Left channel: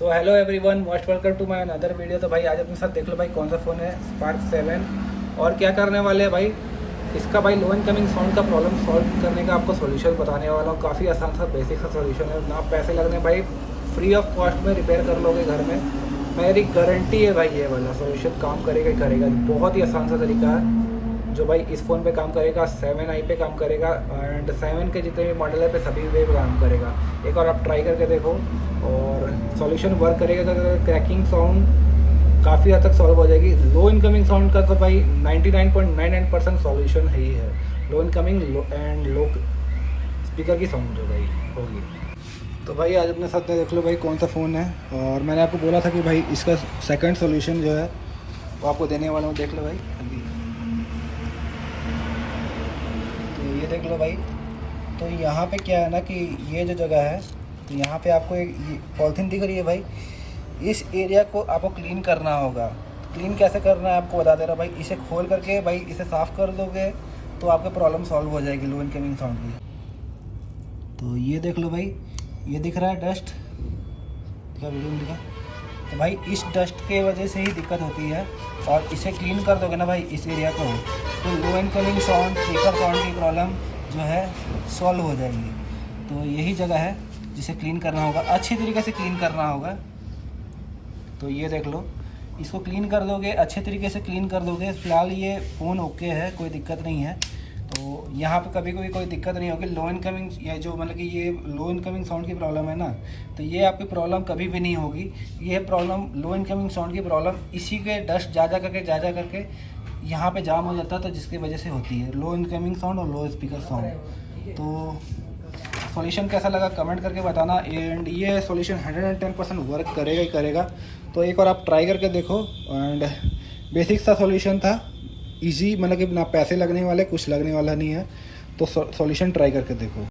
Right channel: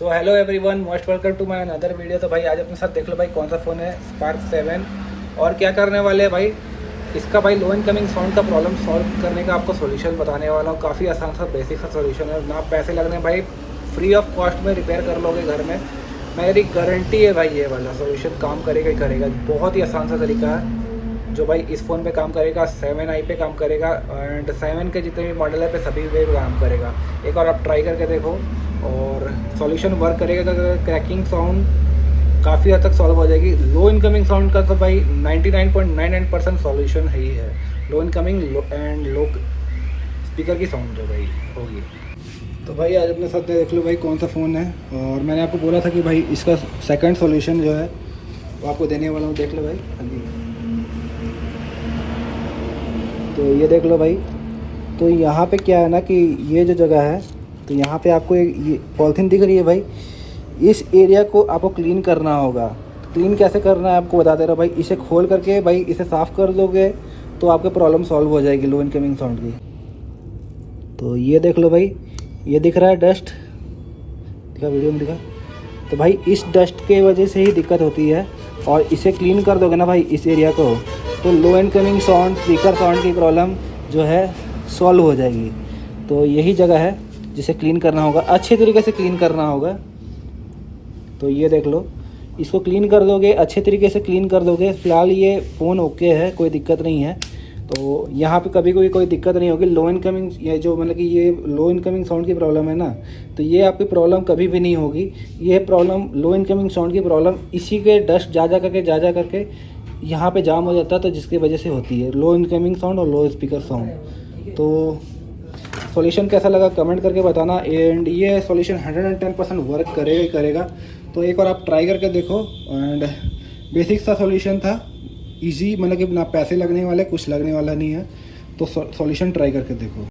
So hello everyone, most welcome to my another video. तो भाई आज अपने साथ देख लो भाई कौन सा फ़ोन है, स्पार्क 7। और क्या करने वाले हैं भाई, इसका भाई लो इनकमिंग साउंड का प्रॉब्लम सॉल्व करने का आपको सॉल्यूशन बताने वाला हूँ। काफ़ी आसान सा बेसिक सा सॉल्यूशन है, ना पैसे लगने भाई, फ्री ऑफ कॉस्ट में रिपेयर कर लोगे घर में। मेरी गारंटी है भाई ये वाला सॉल्यूशन काम करेगा ही करेगा। बहुत ही आसान सा तरीका है जो भाई इस फ़ोन पे काम करेगा, 7i पे काम करेगा एंड 7 के जितने भी मॉडल है पे सभी पे काम करेगा। एक और आप ट्राई करके देखो और सॉल्यूशन वर्क करेगा। क्रैकिंग साउंड काफ़ी हद तक सॉल्व हो जाएगी। लो इनकमिंग साउंड का तो भाई 99.99% सॉल्यूशन है ही है। लो इनकमिंग एंड लो स्पीकर की साउंड जो भाई होगी। तो भाई आज अपने साथ देख लो भाई कौन सा फ़ोन है, और मैंने आपको बोला था कि भाई इसका सेकंड सॉल्यूशन जो है वो आपको देने वाला हूँ। देख लो भाई, तो ये देख लो भाई। तो यहाँ पे क्या है ना कि ये जो जगह है, तो यहाँ पे आपको ये पॉलिथीन दिख रही है भाई, इस एरिया को आपको क्लीन करना होगा। क्लीन कैसे करना है आपको बता दे रहा हूँ भाई। इसे खोल करके भाई इसे साफ़ कर दोगे तो आपकी प्रॉब्लम सॉल्व हो जाएगी लो इनकमिंग साउंड की। तो ये देख लो भाई, ये दिख रहा है डस्ट, दिखा वीडियो में दिखा। तो भाई इस डस्ट के वजह से ही दिक्कत होती है, और इसे क्लीन कर दोगे ना भाई इस एरिया को, तो लो इनकमिंग साउंड, स्पीकर साउंड की प्रॉब्लम जो है सॉल्व हो जाएगी। तो यही जगह है जिसे क्लीन करना होगा, अच्छे तरीके से क्लीन करना होगा। तो ये देख लो, इसको क्लीन कर दोगे, अच्छे तरीके से क्लीन कर दोगे। फिलहाल ये फ़ोन ओके है, कोई दिक्कत नहीं है। तो यहाँ पे कभी कोई दिक्कत नहीं होगी। लो इनकमिंग, ये जो मतलब कि ये लो इनकमिंग साउंड की प्रॉब्लम है ना, तो ये आपकी प्रॉब्लम कभी भी नहीं होगी। ये प्रॉब्लम, लो इनकमिंग साउंड की प्रॉब्लम, इसी के डस्ट जा करके यहाँ पे जाम हो जाता है, तो जिसकी वजह से होती है लो इनकमिंग साउंड और लो स्पीकर साउंड। तो सॉल्यूशन कैसा लगा कमेंट करके बताना। एंड ये सॉल्यूशन 110% वर्क करेगा ही करेगा। तो एक बार आप ट्राई करके देखो। एंड बेसिक सा सॉल्यूशन था, इजी, मतलब कि ना पैसे लगने वाले, कुछ लगने वाला नहीं है। तो सॉल्यूशन ट्राई करके देखो।